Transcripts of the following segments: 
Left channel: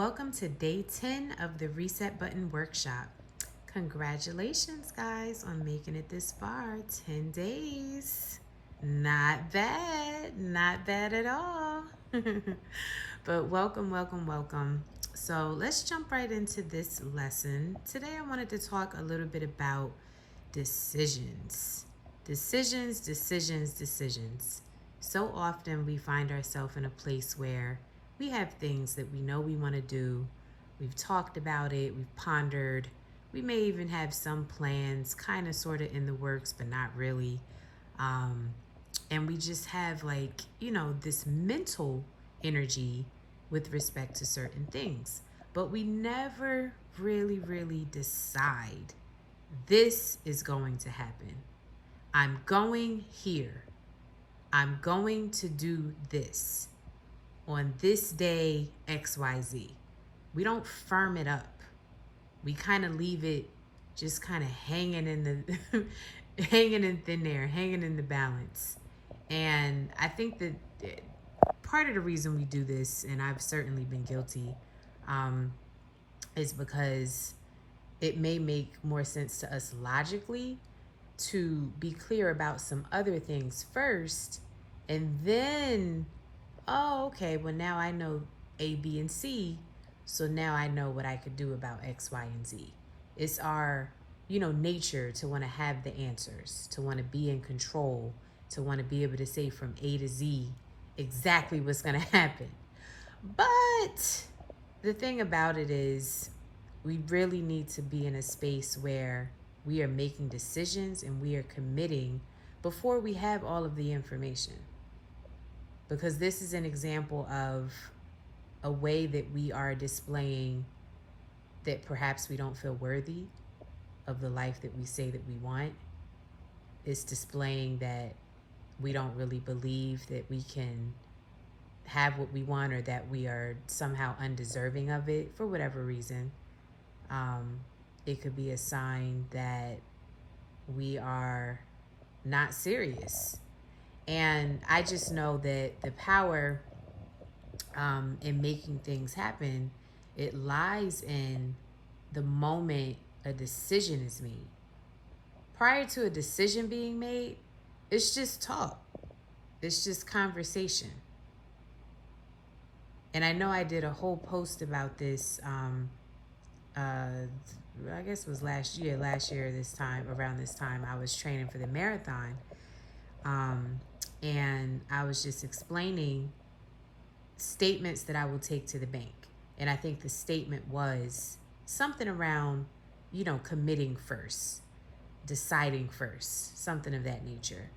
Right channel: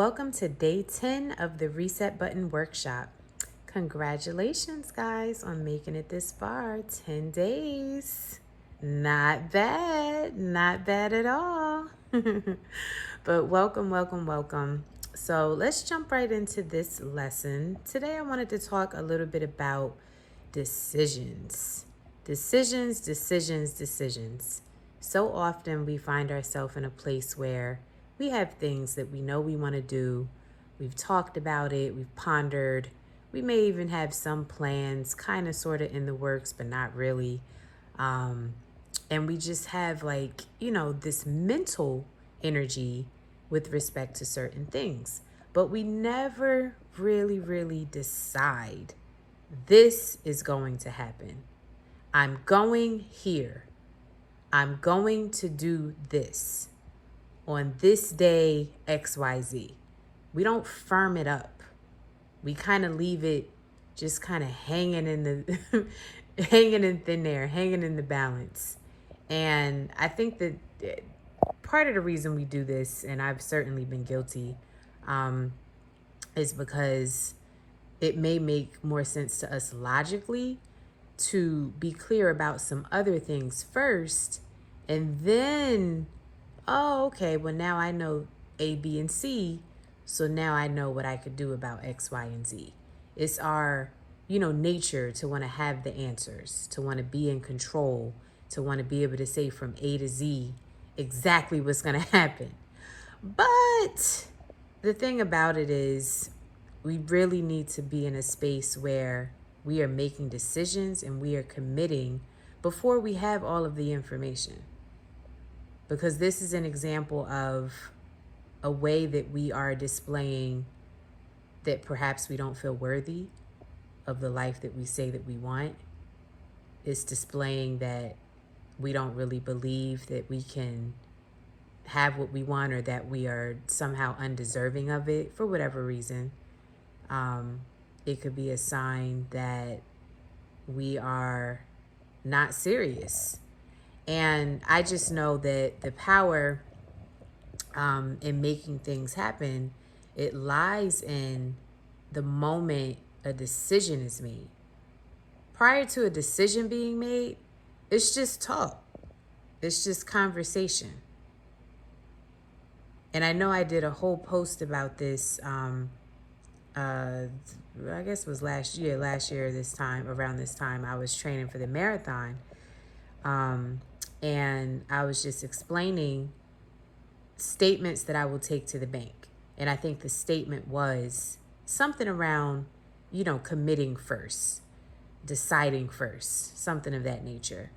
Welcome to day 10 of the Reset Button Workshop. Congratulations, guys, on making it this far. 10 days. Not bad. Not bad at all. But welcome. So let's jump right into this lesson. Today, I wanted to talk a little bit about decisions. Decisions. So often we find ourselves in a place where we have things that we know we want to do. We've talked about it, we've pondered. We may even have some plans kind of sort of in the works, but not really. And we just have this mental energy with respect to certain things. But we never really decide this is going to happen. I'm going here. I'm going to do this on this day, XYZ. We don't firm it up. We kind of leave it just kind of hanging in the hanging in thin air, hanging in the balance. And I think that part of the reason we do this, and I've certainly been guilty, is because it may make more sense to us logically to be clear about some other things first, and then, oh, okay, well, now I know A, B, and C, so now I know what I could do about X, Y, and Z. It's our, nature to want to have the answers, to want to be in control, to want to be able to say from A to Z exactly what's going to happen. But the thing about it is, we really need to be in a space where we are making decisions and we are committing before we have all of the information. Because this is an example of a way that we are displaying that perhaps we don't feel worthy of the life that we say that we want. It's displaying that we don't really believe that we can have what we want, or that we are somehow undeserving of it for whatever reason. It could be a sign that we are not serious. And I just know that the power in making things happen, it lies in the moment a decision is made. Prior to a decision being made, it's just talk. It's just conversation. And I know I did a whole post about this, I guess it was last year, around this time, I was training for the marathon. And I was just explaining statements that I will take to the bank. And I think the statement was something around, committing first, deciding first, something of that nature.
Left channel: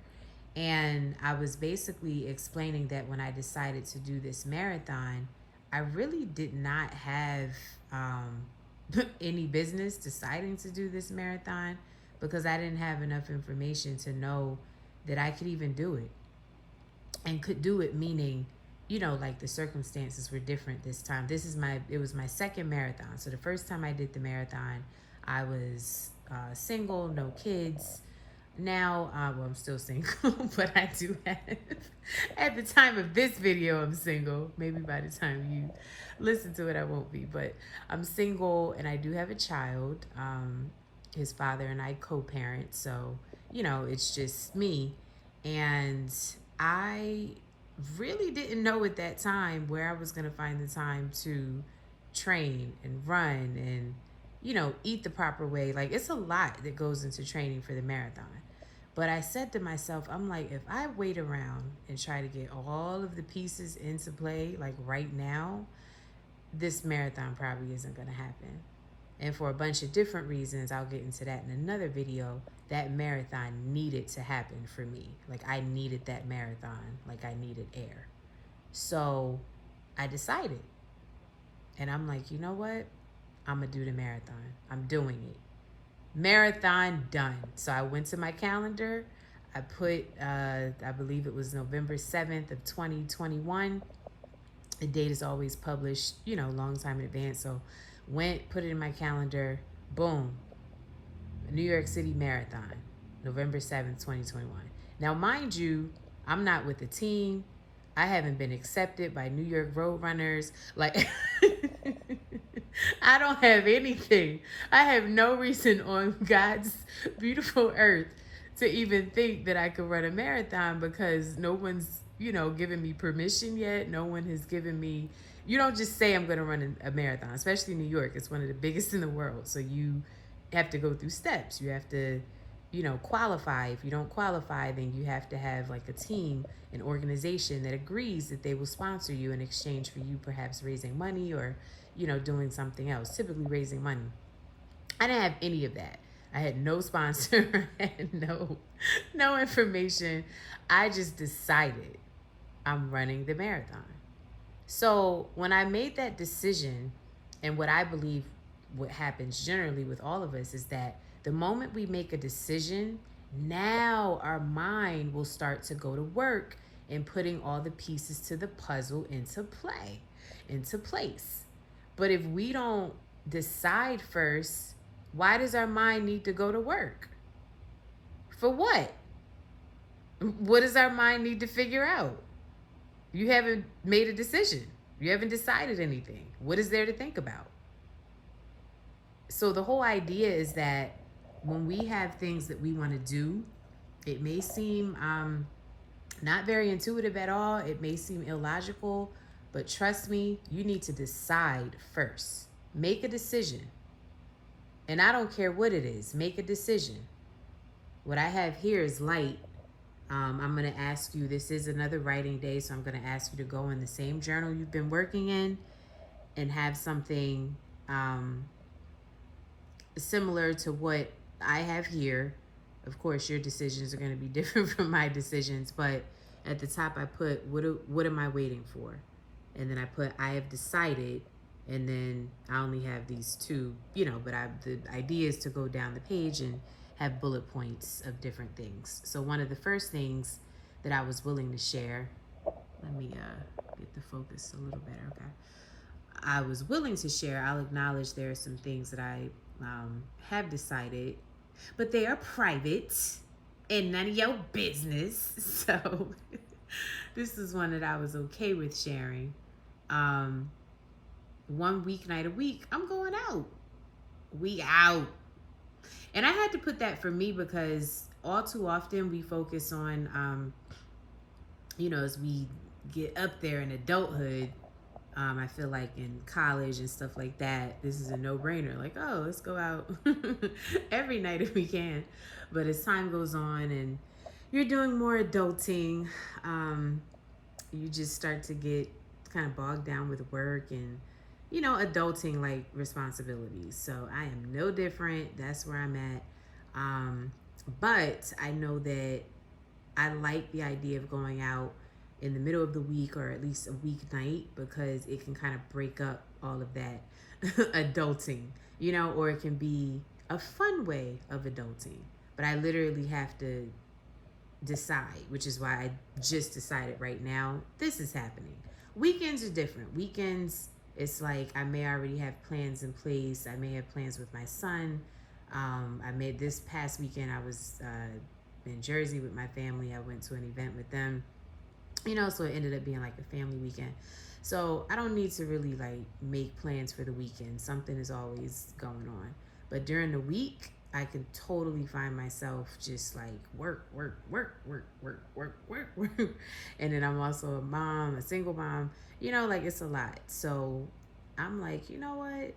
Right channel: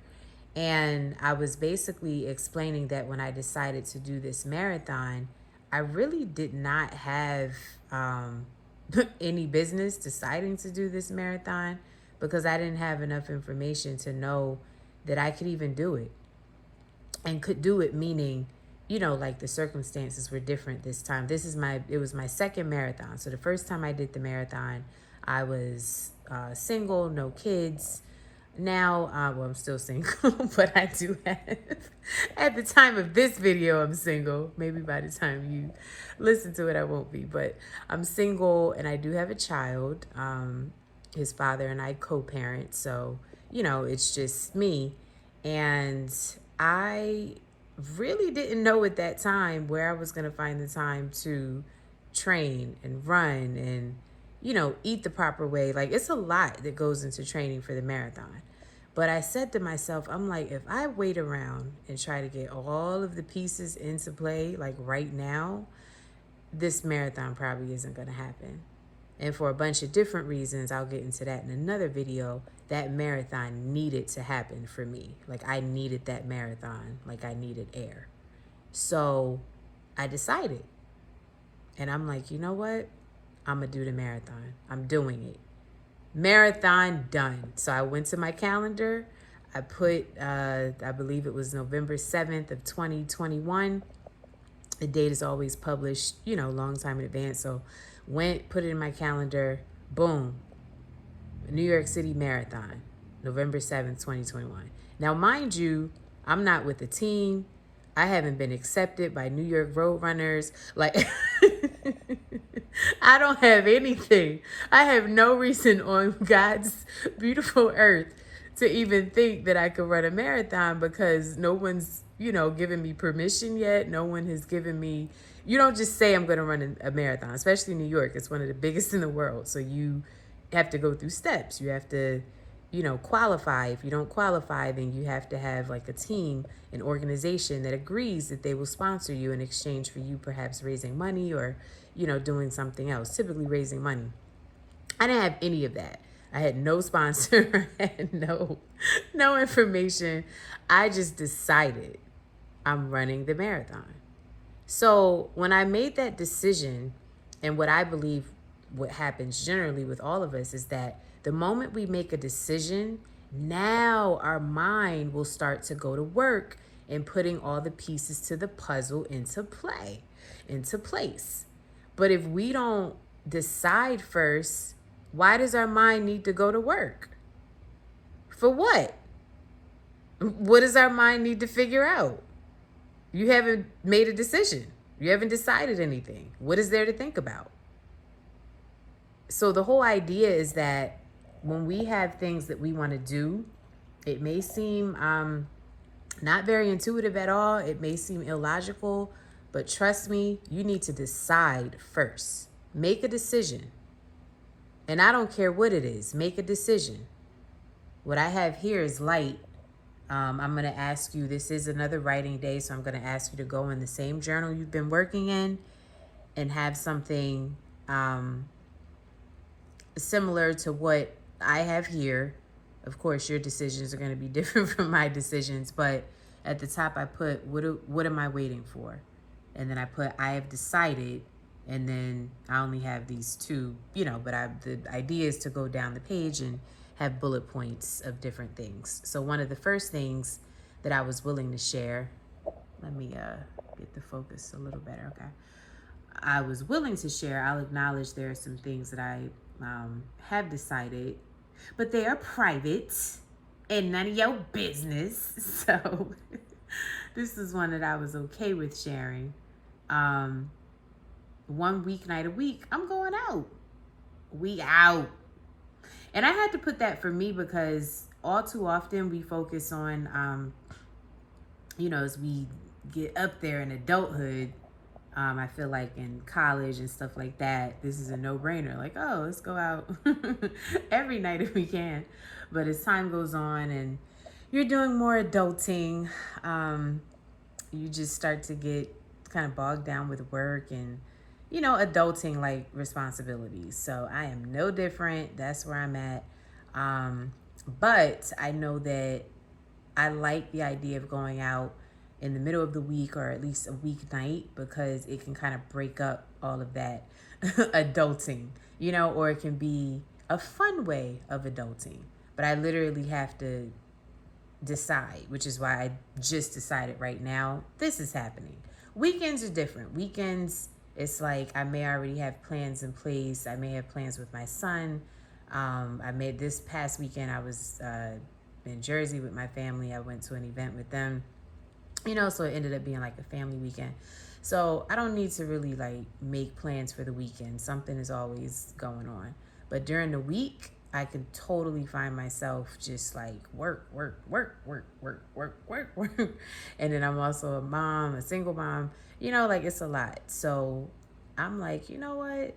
And I was basically explaining that when I decided to do this marathon, I really did not have any business deciding to do this marathon, because I didn't have enough information to know that I could even do it. And could do it meaning, the circumstances were different this time. It was my second marathon. So the first time I did the marathon, I was single, no kids. Now, I'm still single, but I do have, at the time of this video, I'm single. Maybe by the time you listen to it, I won't be, but I'm single and I do have a child. His father and I co-parent, so, it's just me. And I really didn't know at that time where I was going to find the time to train and run and, eat the proper way. Like, it's a lot that goes into training for the marathon. But I said to myself, I'm like, if I wait around and try to get all of the pieces into play, like right now, this marathon probably isn't going to happen. And for a bunch of different reasons, I'll get into that in another video, that marathon needed to happen for me. Like, I needed that marathon, like I needed air. So I decided. And I'm like, you know what? I'm going to do the marathon. I'm doing it. Marathon done. So I went to my calendar. I put, I believe it was November 7th of 2021. The date is always published, a long time in advance. So put it in my calendar. Boom. New York City Marathon, November 7th, 2021. Now, mind you, I'm not with the team. I haven't been accepted by New York Road Runners. Like, I don't have anything. I have no reason on God's beautiful earth to even think that I could run a marathon because no one's, given me permission yet. No one has given me, you don't just say I'm going to run a marathon, especially in New York. It's one of the biggest in the world. So you have to go through steps. You have to, qualify. If you don't qualify, then you have to have like a team, an organization that agrees that they will sponsor you in exchange for you perhaps raising money or, doing something else, typically raising money. I didn't have any of that. I had no sponsor, I had no information. I just decided I'm running the marathon. So when I made that decision, and what I believe what happens generally with all of us is that the moment we make a decision, now our mind will start to go to work and putting all the pieces to the puzzle into place. But if we don't decide first, why does our mind need to go to work? For what? What does our mind need to figure out? You haven't made a decision. You haven't decided anything. What is there to think about? So the whole idea is that when we have things that we want to do, it may seem not very intuitive at all. It may seem illogical, but trust me, you need to decide first. Make a decision. And I don't care what it is, make a decision. What I have here is light. I'm going to ask you, this is another writing day, so I'm going to ask you to go in the same journal you've been working in and have something similar to what I have here. Of course, your decisions are going to be different from my decisions, but at the top I put, what am I waiting for? And then I put, I have decided, and then I only have these two, but the idea is to go down the page and have bullet points of different things. So one of the first things that I was willing to share, let me get the focus a little better, okay? I was willing to share, I'll acknowledge there are some things that I have decided, but they are private and none of your business. So this is one that I was okay with sharing. 1 weeknight a week, I'm going out. We out. And I had to put that for me because all too often we focus on, as we get up there in adulthood, I feel like in college and stuff like that, this is a no-brainer. Like, oh, let's go out every night if we can. But as time goes on and you're doing more adulting, you just start to get kind of bogged down with work and, adulting like responsibilities. So I am no different. That's where I'm at. But I know that I like the idea of going out in the middle of the week or at least a weeknight because it can kind of break up all of that adulting, or it can be a fun way of adulting. But I literally have to decide, which is why I just decided right now this is happening. Weekends are different. Weekends, it's like I may already have plans in place. I may have plans with my son. I made this past weekend, I was in Jersey with my family. I went to an event with them, so it ended up being like a family weekend. So I don't need to really like make plans for the weekend. Something is always going on. But during the week, I could totally find myself just like work. And then I'm also a mom, a single mom, like it's a lot. So I'm like, you know what?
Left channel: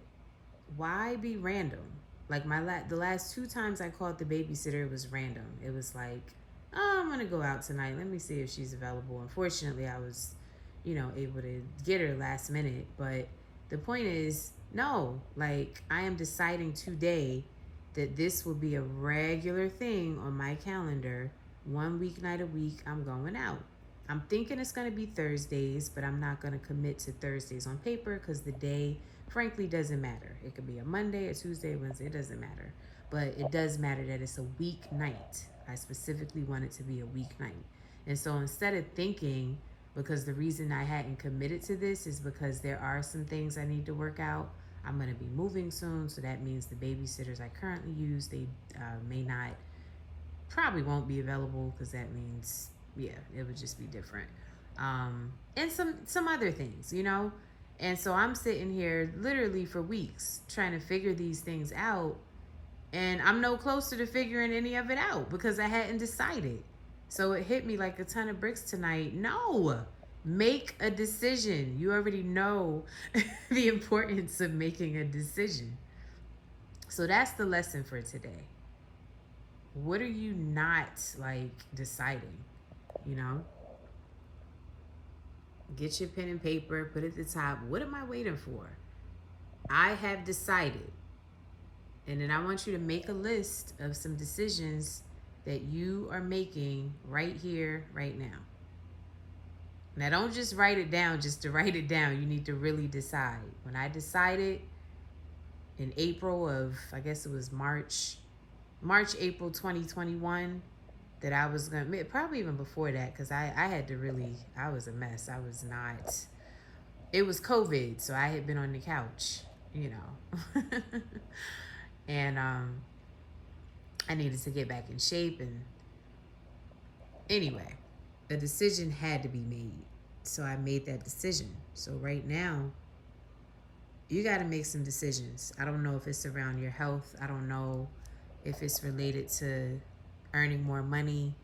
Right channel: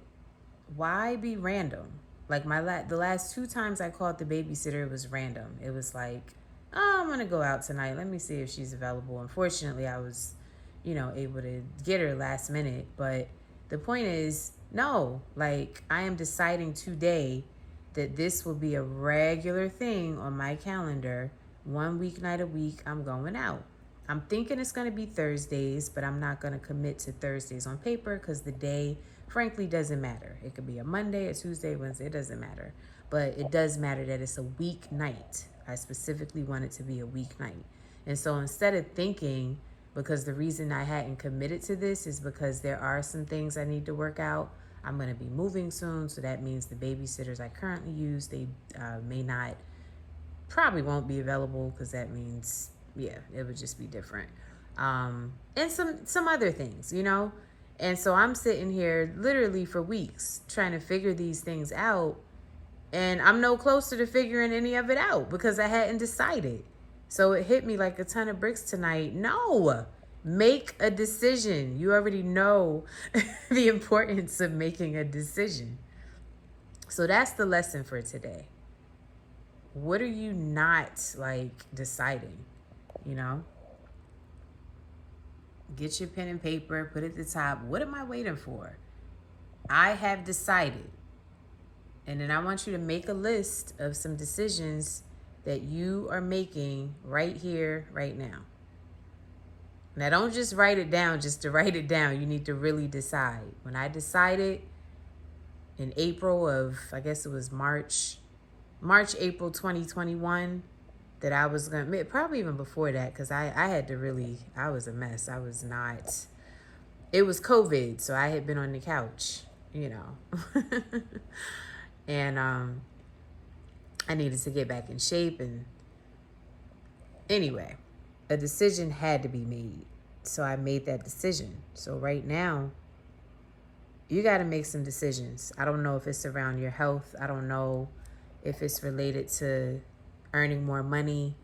Why be random? Like the last 2 times I called the babysitter, it was random. It was like, oh, I'm going to go out tonight. Let me see if she's available. Unfortunately, I was, able to get her last minute. But the point is, no, like I am deciding today that this will be a regular thing on my calendar. 1 weeknight a week, I'm going out. I'm thinking it's going to be Thursdays, but I'm not going to commit to Thursdays on paper because the day, frankly, doesn't matter. It could be a Monday, a Tuesday, Wednesday, it doesn't matter. But it does matter that it's a weeknight. I specifically want it to be a weeknight. And so instead of thinking, because the reason I hadn't committed to this is because there are some things I need to work out. I'm going to be moving soon, so that means the babysitters I currently use, they probably won't be available because that means, it would just be different. And some other things, And so I'm sitting here literally for weeks trying to figure these things out. And I'm no closer to figuring any of it out because I hadn't decided. So it hit me like a ton of bricks tonight. No, make a decision. You already know the importance of making a decision. So that's the lesson for today. What are you not like deciding? You know? Get your pen and paper, put it at the top. What am I waiting for? I have decided. And then I want you to make a list of some decisions that you are making right here, right now. Now, don't just write it down just to write it down. You need to really decide. When I decided in April of, I guess it was March, April 2021, that I was going to, probably even before that, because I had to really, I was a mess. I was not, it was COVID, so I had been on the couch, you know. And I needed to get back in shape. And anyway, a decision had to be made. So I made that decision. So right now, you got to make some decisions. I don't know if it's around your health. I don't know if it's related to earning more money.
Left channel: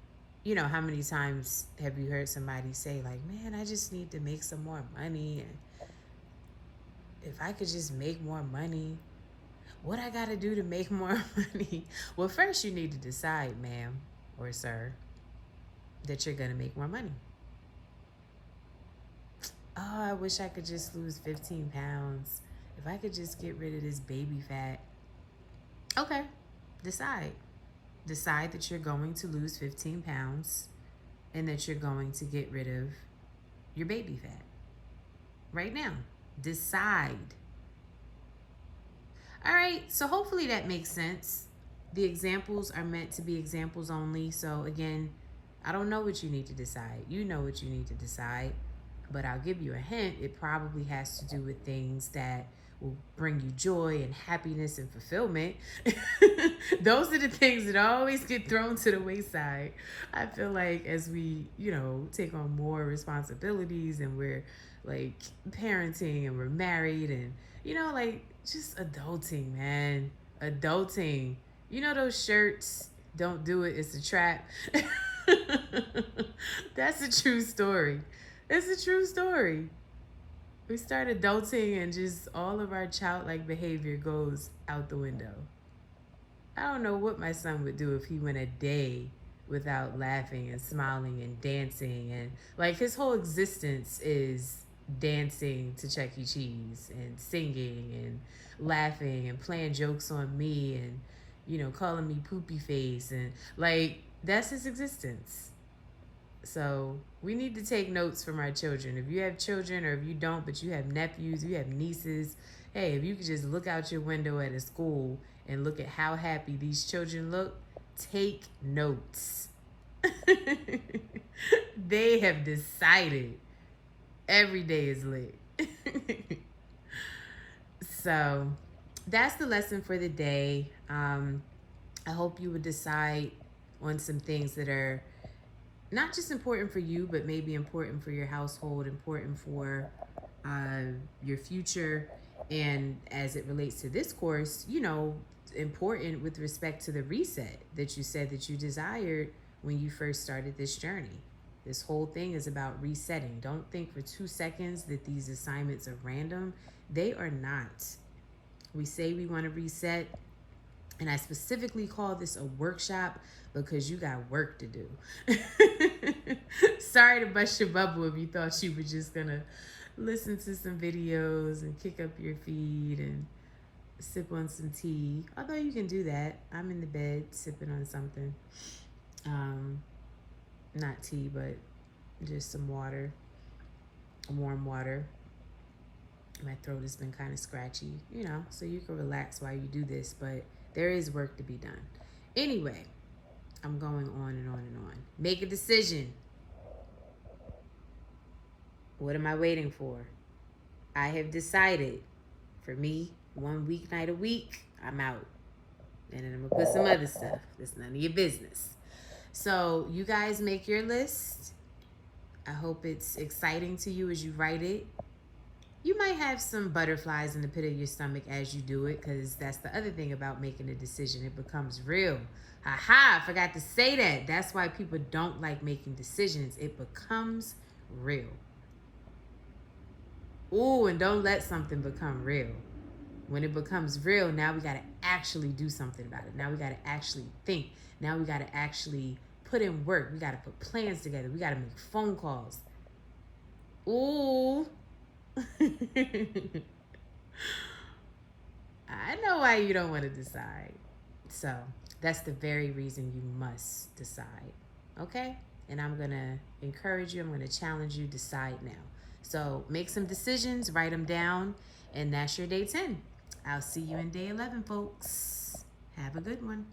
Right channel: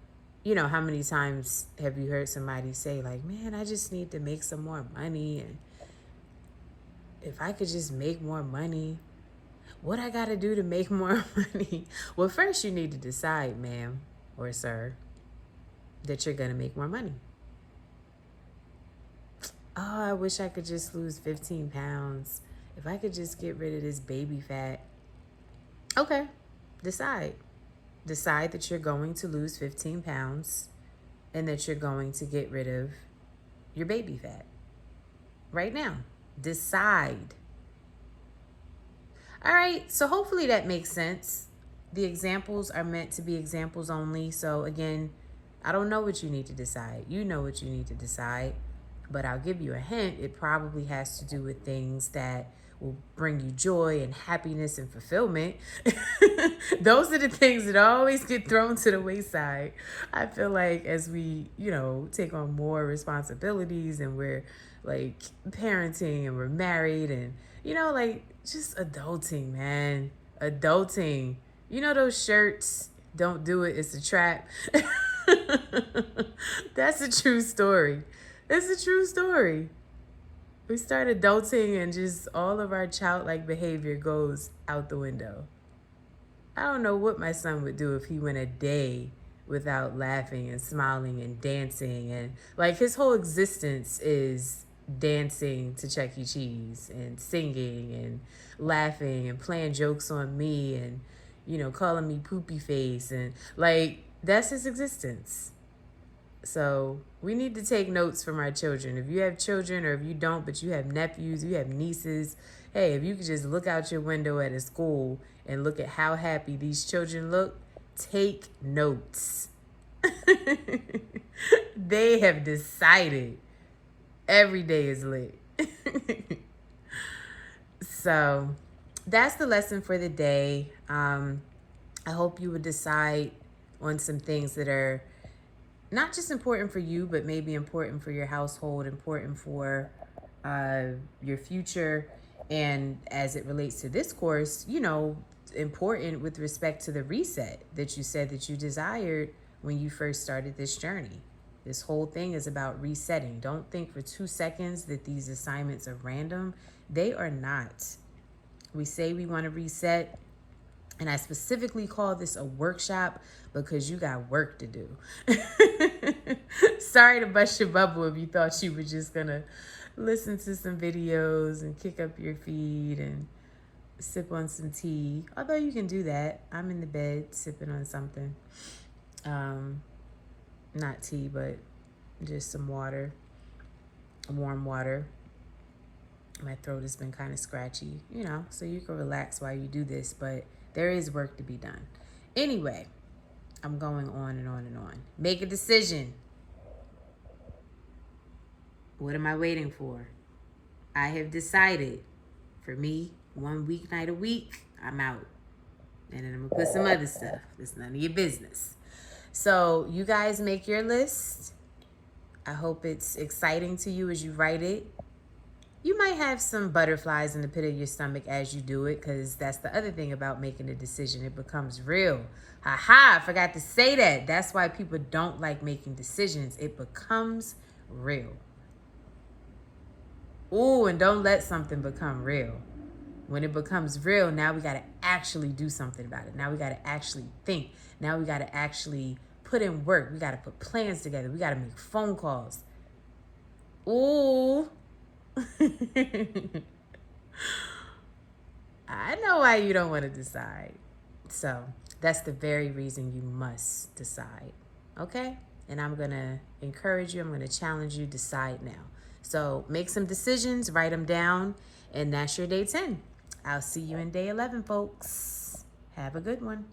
You know, how many times have you heard somebody say like, man, I just need to make some more money. And if I could just make more money, what I got to do to make more money? Well, first you need to decide, ma'am or sir, that you're going to make more money. Oh, I wish I could just lose 15 pounds. If I could just get rid of this baby fat. Okay, decide. Decide that you're going to lose 15 pounds and that you're going to get rid of your baby fat. Right now, decide. All right, so hopefully that makes sense. The examples are meant to be examples only. So again, I don't know what you need to decide. You know what you need to decide, but I'll give you a hint. It probably has to do with things that will bring you joy and happiness and fulfillment. Those are the things that always get thrown to the wayside. I feel like as we, you know, take on more responsibilities and we're like parenting and we're married and, you know, like just adulting, man. Adulting. You know those shirts, don't do it, it's a trap. That's a true story. It's a true story. We start adulting and just all of our childlike behavior goes out the window. I don't know what my son would do if he went a day without laughing and smiling and dancing. And like his whole existence is dancing to Chuck E. Cheese and singing and laughing and playing jokes on me and, you know, calling me poopy face. And like, that's his existence. So we need to take notes from our children. If you have children or if you don't, but you have nephews, you have nieces, hey, if you could just look out your window at a school and look at how happy these children look, take notes. They have decided every day is lit. So that's the lesson for the day. I hope you would decide on some things that are not just important for you, but maybe important for your household, important for your future. And as it relates to this course, you know, important with respect to the reset that you said that you desired when you first started this journey. This whole thing is about resetting. Don't think for 2 seconds that these assignments are random. They are not. We say we want to reset, and I specifically call this a workshop because you got work to do. Sorry to bust your bubble if you thought you were just going to listen to some videos and kick up your feet and sip on some tea. Although you can do that. I'm in the bed sipping on something. Not tea, but just some water, warm water. My throat has been kind of scratchy, you know, so you can relax while you do this, but there is work to be done. Anyway, I'm going on and on and on. Make a decision. What am I waiting for? I have decided. For me, 1 weeknight a week, I'm out. And then I'm going to put some other stuff. It's none of your business. So you guys make your list. I hope it's exciting to you as you write it. You might have some butterflies in the pit of your stomach as you do it, because that's the other thing about making a decision. It becomes real. Haha, I forgot to say that. That's why people don't like making decisions. It becomes real. Ooh, and don't let something become real. When it becomes real, now we got to actually do something about it. Now we got to actually think. Now we got to actually put in work. We got to put plans together. We got to make phone calls. Ooh. I know why you don't want to decide. So that's the very reason you must decide. Okay? And I'm going to encourage you. I'm going to challenge you. Decide now. So make some decisions, write them down, and that's your day 10. I'll see you in day 11, folks. Have a good one.